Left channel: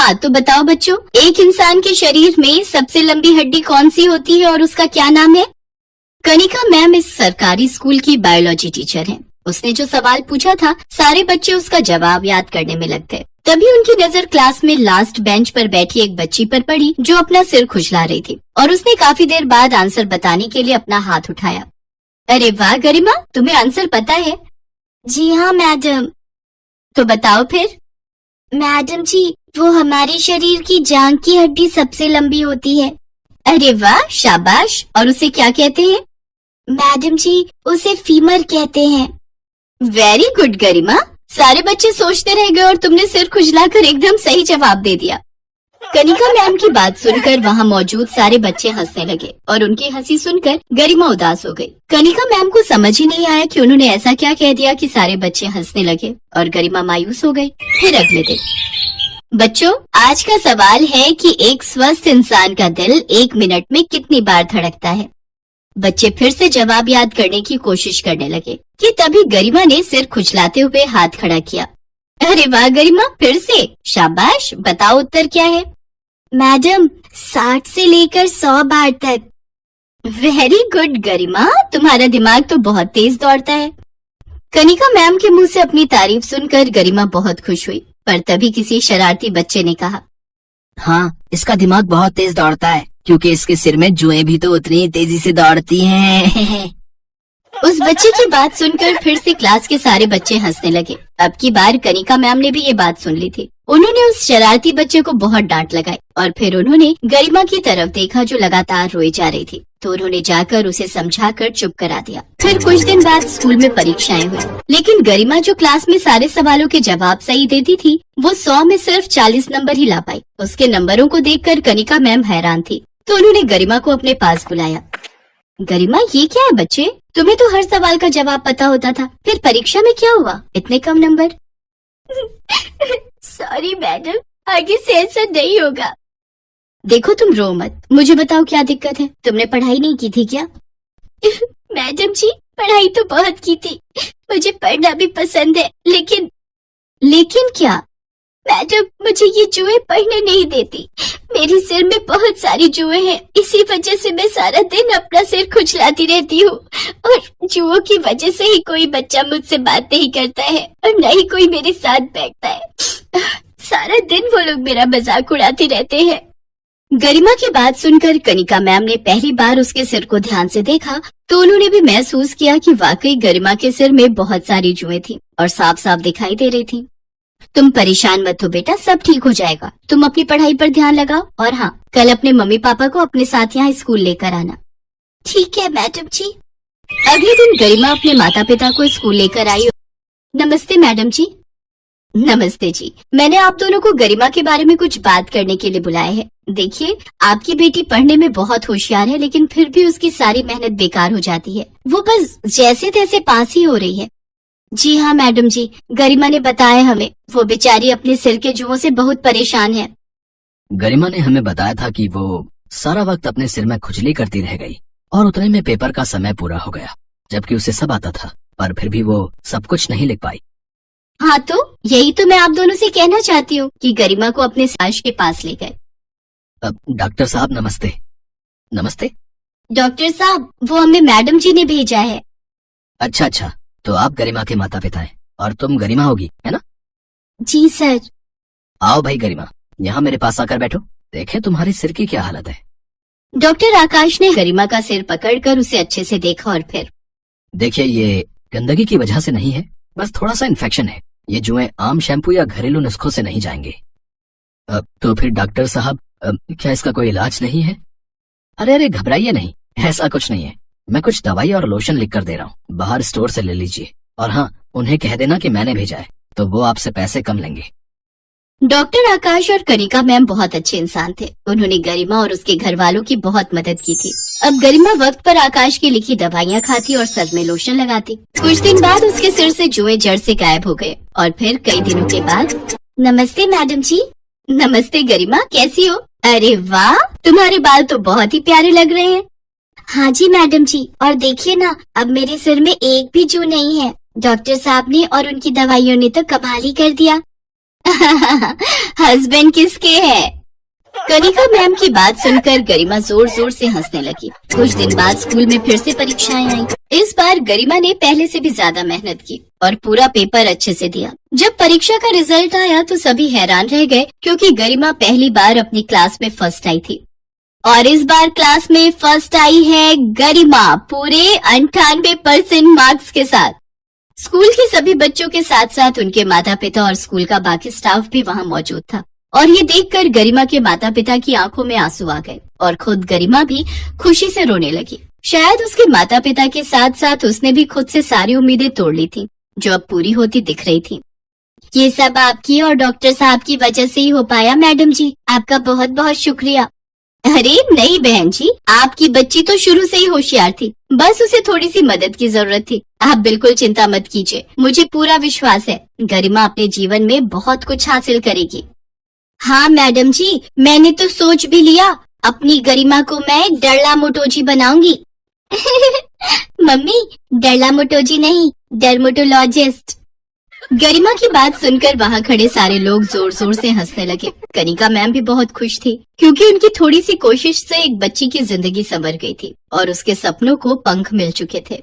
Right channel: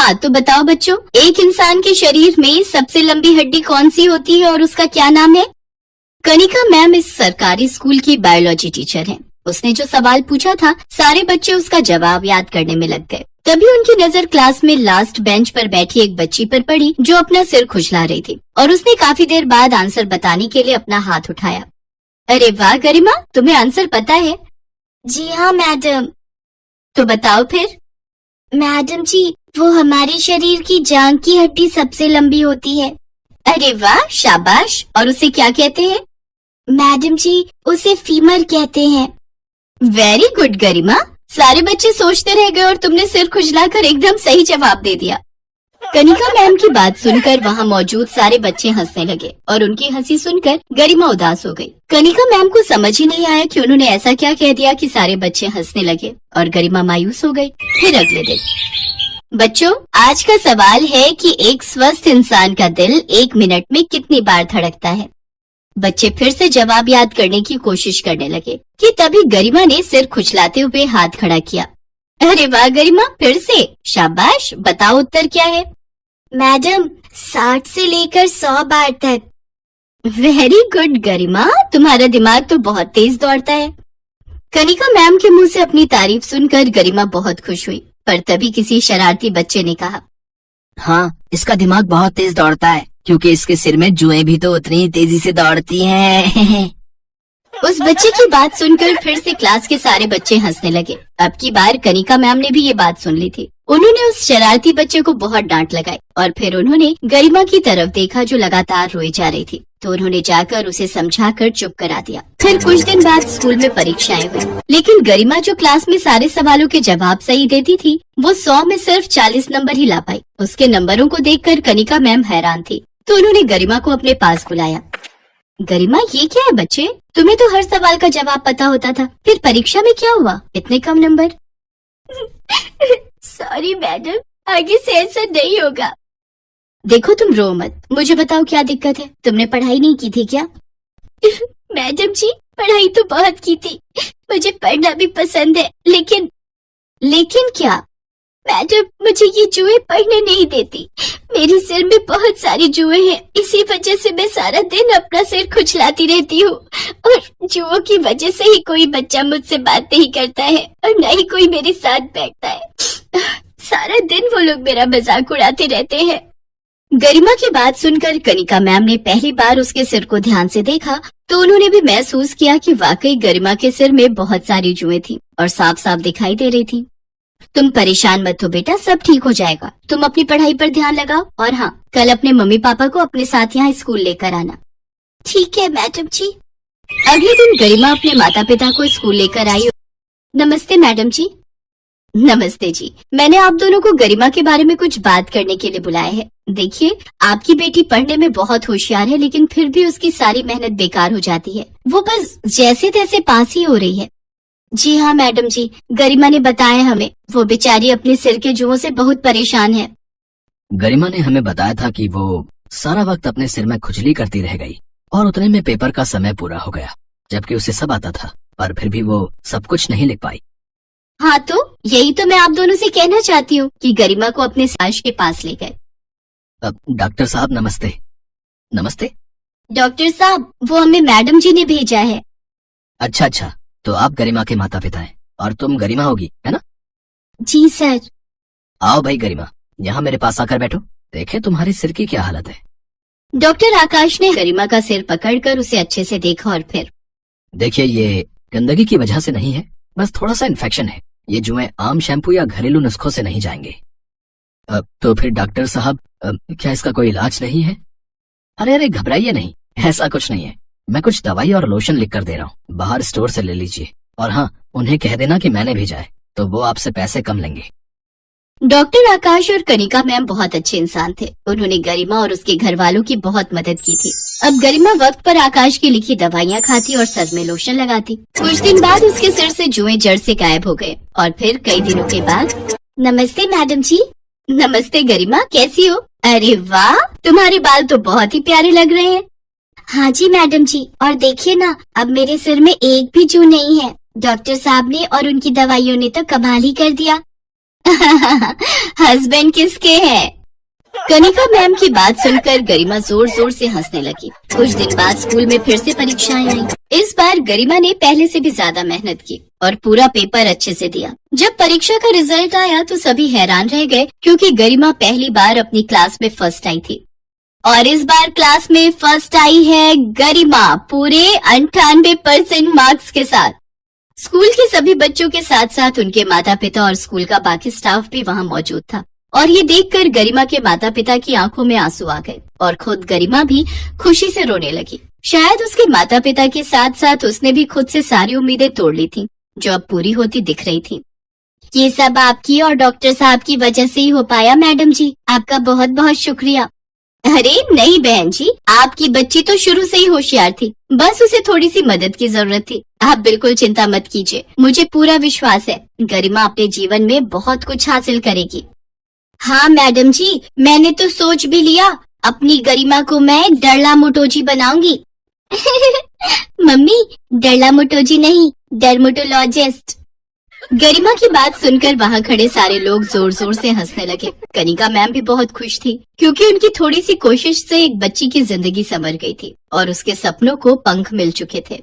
हाँ तो बताओ बच्चों, एक इंसान के शरीर में सबसे लंबी हड्डी कौन सी होती है और उसका क्या नाम है? कनिका मैम इस सरकारी स्कूल की बायोलॉजी टीचर हैं। उसने जो सवाल पूछा था, सारे बच्चे उसका जवाब याद करने में लग गए। तभी उनकी नजर क्लास में लास्ट बेंच पर बैठी एक बच्ची पर पड़ी जो अपना सिर खुजला रही थी और उसने काफी देर बाद आंसर बताने के लिए अपना हाथ उठाया। अरे वाह गरिमा, तुम्हें आंसर पता है? जी हाँ मैडम। तो बताओ फिर। मैडम जी, वो हमारे शरीर की जांघ की हड्डी सबसे लंबी होती है। अरे वाह, शाबाश। और उसे क्या कहते हैं? मैडम जी, उसे फीमर कहते हैं। वेरी गुड गरिमा। सारे बच्चे सोचते रह गए और तुमने सिर खुजलाकर एकदम सही जवाब दे दिया। कनिका मैम की बात सुनकर वहाँ मौजूद सारे बच्चे हंसने लगे और उनकी हंसी सुनकर गरिमा उदास हो गई। कनिका मैम को समझ ही नहीं आया कि उन्होंने ऐसा क्या कह दिया कि सारे बच्चे हंसने लगे और गरिमा मायूस हो गई। फिर अगले दिन। बच्चों, आज का सवाल है कि एक स्वस्थ इंसान का दिल 1 मिनट में कितनी बार धड़कता है? बच्चे फिर से जवाब याद करने की कोशिश करने लगे कि तभी गरिमा ने सिर खुजलाते हुए हाथ खड़ा किया। अरे वाह गरिमा, फिर से शाबाश। बताओ उत्तर क्या है? मैडम, 60 से लेकर 100 बार तक। वेरी गुड गरिमा, तुम्हारा दिमाग तो बहुत तेज दौड़ता है। कनिका मैम के मुंह से अपनी तारीफ सुनकर गरिमा बहुत खुश हुई, पर तभी किसी शरारती बच्चे ने कहा, हाँ, इसका दिमाग बहुत तेज दौड़ता है क्योंकि इसके सिर में जुएं भी तो उतनी तेजी से दौड़ती हैं। उस बच्चे की बात सुनकर फिर से क्लास के सारे बच्चे हंसने लगे। अब की बार कनिका मैम ने भी ये बात सुन ली थी। उन्होंने उस शरारती बच्चे को बहुत डांट लगाई और फिर उन्होंने गरिमा की तरफ देखा जो लगातार रोई जा रही थी, तो उन्होंने जाकर उसे समझाकर चुप करा दिया। फिर कुछ दिन बाद स्कूल में परीक्षाएं हुई, लेकिन गरिमा जो क्लास में सारे सवालों के जवाब सही देती थी, वो 100 में सिर्फ 40 नंबर ही ला पाई। उसके नंबरों को देखकर कनिका मैम हैरान थी, तो उन्होंने गरिमा को अपने पास बुलाया। गरिमा, ये क्या है बच्चे? तुम्हें तो हर सवाल का जवाब पता होता था, फिर परीक्षा में क्या हुआ, इतने कम नंबर? सॉरी मैडम, आगे से ऐसा नहीं होगा। देखो तुम रो मत, मुझे बताओ क्या दिक्कत है? तुमने पढ़ाई नहीं की थी क्या? मैडम जी, पढ़ाई तो बहुत की थी, मुझे पढ़ना भी पसंद है, लेकिन क्या? मैडम, मुझे ये जुए पढ़ने नहीं देती। मेरे सिर में बहुत सारे जुए हैं, इसी वजह से मैं सारा दिन अपना सिर खुजलाती रहती हूँ और जुओं की वजह से ही कोई बच्चा मुझसे बात नहीं करता है और न ही कोई मेरे साथ बैठता है। सारा दिन वो लोग मेरा मजाक उड़ाते रहते हैं। गरिमा की बात सुनकर कनिका मैम ने पहली बार उसके सिर को ध्यान से देखा, तो उन्होंने भी महसूस किया कि वाकई गरिमा के सिर में बहुत सारी जुएं थी और साफ साफ दिखाई दे रही थी। तुम परेशान मत हो बेटा, सब ठीक हो जाएगा। तुम अपनी पढ़ाई पर ध्यान लगाओ और हाँ, कल अपने मम्मी पापा को अपने साथ यहाँ स्कूल लेकर आना। ठीक है मैडम जी। अगले दिन गरिमा अपने माता पिता को स्कूल लेकर आई। नमस्ते मैडम जी। नमस्ते जी। मैंने आप दोनों को गरिमा के बारे में कुछ बात करने के लिए बुलाया है। देखिए, आपकी बेटी पढ़ने में बहुत होशियार है, लेकिन फिर भी उसकी सारी मेहनत बेकार हो जाती है। वो बस जैसे तैसे पास ही हो रही है। जी हाँ मैडम जी, गरिमा ने बताया हमें, वो बेचारी अपने सिर के जुओं से बहुत परेशान है। गरिमा ने हमें बताया था कि वो सारा वक्त अपने सिर में खुजली करती रह गई और उतने में पेपर का समय पूरा हो गया, जबकि उसे सब आता था, पर फिर भी वो सब कुछ नहीं लिख पाई। हाँ, तो यही तो मैं आप दोनों से कहना चाहती हूँ कि गरिमा को अपने सास के पास ले गए। डॉक्टर साहब नमस्ते। नमस्ते डॉक्टर साहब, वो हमें मैडम जी ने भेजा है। अच्छा, तो आप गरिमा के माता पिता हैं और तुम गरिमा होगी, है ना? जी सर। आओ भाई गरिमा, यहाँ मेरे पास आकर बैठो। देखे तुम्हारे सिर की क्या हालत है। डॉक्टर आकाश ने गरिमा का सिर पकड़कर उसे अच्छे से देखा और फिर, देखिए, ये गंदगी की वजह से नहीं है, बस थोड़ा सा इन्फेक्शन है। ये जुएं आम शैम्पू या घरेलू नुस्खों से नहीं जाएंगे। तो फिर डॉक्टर साहब, क्या इसका कोई इलाज नहीं है? अरे घबराइए नहीं, ऐसा कुछ नहीं है। मैं कुछ दवाई और लोशन लिख कर दे रहा हूँ, बाहर स्टोर से ले लीजिए। और हाँ, उन्हें कह देना कि मैंने भेजा है, तो वो आपसे पैसे कम लेंगे। डॉक्टर आकाश और कनिका मैम बहुत अच्छे इंसान थे। उन्होंने गरिमा और उसके घर वालों की बहुत मदद की थी। अब गरिमा वक्त पर आकाश की लिखी दवाइयाँ खाती और सर में लोशन लगाती। कुछ दिन बाद उसके सिर से जुएं जड़ से गायब हो गए और फिर कई दिनों के बाद, नमस्ते मैडम जी। नमस्ते गरिमा, कैसी हो? अरे वाह, तुम्हारे बाल तो बहुत ही प्यारे लग रहे हैं। हाँ जी मैडम जी, और देखिए ना, अब मेरे सिर में एक भी जू नहीं है। डॉक्टर साहब ने और उनकी दवाइयों ने तो कमाल ही कर दिया। हस्बैंड किसके है? कनिका मैम की बात सुनकर गरिमा जोर जोर से हंसने लगी। कुछ दिन बाद स्कूल में फिर से परीक्षाएं आई। इस बार गरिमा ने पहले से भी ज्यादा मेहनत की और पूरा पेपर अच्छे से दिया। जब परीक्षा का रिजल्ट आया तो सभी हैरान रह गए, क्योंकि गरिमा पहली बार अपनी क्लास में फर्स्ट आई थी। और इस बार क्लास में फर्स्ट आई है गरिमा, पूरे 98% मार्क्स के साथ। स्कूल के सभी बच्चों के साथ साथ उनके माता पिता और स्कूल का बाकी स्टाफ भी वहाँ मौजूद था। और ये देखकर गरिमा के माता पिता की आंखों में आंसू आ गए और खुद गरिमा भी खुशी से रोने लगी। शायद उसके माता पिता के साथ साथ उसने भी खुद से सारी उम्मीदें तोड़ ली थी, जो अब पूरी होती दिख रही थी। ये सब आपकी और डॉक्टर साहब की वजह से ही हो पाया मैडम जी, आपका बहुत बहुत शुक्रिया। अरे नहीं बहन जी, आपकी बच्ची तो शुरू से ही होशियार थी, बस उसे थोड़ी सी मदद की जरूरत थी। आप बिल्कुल चिंता मत कीजिए, मुझे पूरा विश्वास है गरिमा अपने जीवन में बहुत कुछ हासिल करेगी। हाँ मैडम जी, मैंने तो सोच भी लिया, अपनी गरिमा को मैं डरला मोटोजी बनाऊंगी। मम्मी, डरला मोटोजी नहीं, डर्मेटोलॉजिस्ट। गरिमा की बात सुनकर वहाँ खड़े सारे लोग जोर जोर से हंसने लगे। कनिका मैम भी बहुत खुश थी, क्योंकि उनकी थोड़ी सी कोशिश से एक बच्ची की जिंदगी संवर गई थी और उसके सपनों को पंख मिल चुके थे।